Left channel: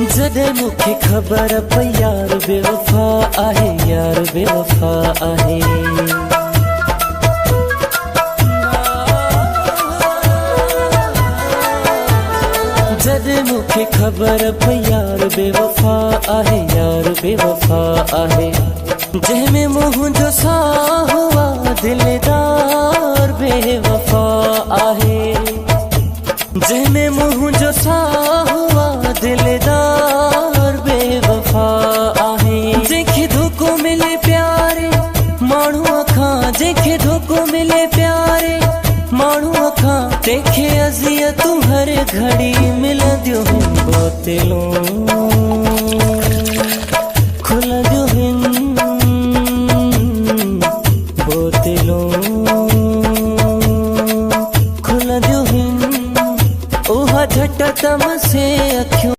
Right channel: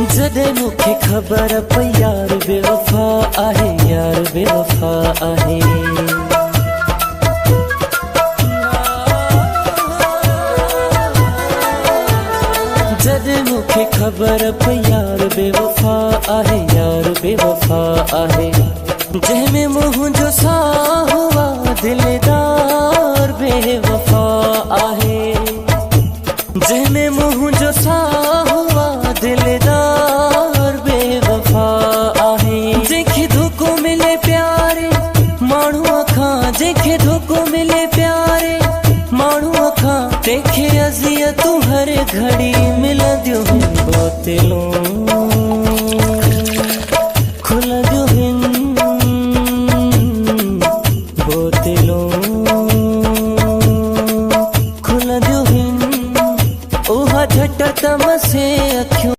जॾहिं मूंखे ख़बर पई यार बेवफा आहे, यार बेवफा आहे। जॾहिं मूंखे ख़बर पई यार बेवफा आहे, यार बेवफा आहे। जंहिंमें मुंहिंजो साह हुआ दिलदार बेवफा आहे। जंहिंमें मुंहिंजो साह हुआ दिलदार बेवफा आहे। जंहिंखे धोखो मिले प्यारे माण्हूअ खां, जंहिंखे धोखो मिले प्यारे माण्हूअ खां, तंहिंखे अज़ियतूं हर घड़ी मिलंदियूं आहिनि। बोतलूं खुलंदियूं आहिनि, बोतलूं खुलंदियूं आहिनि। उहा झट तम से अखियूं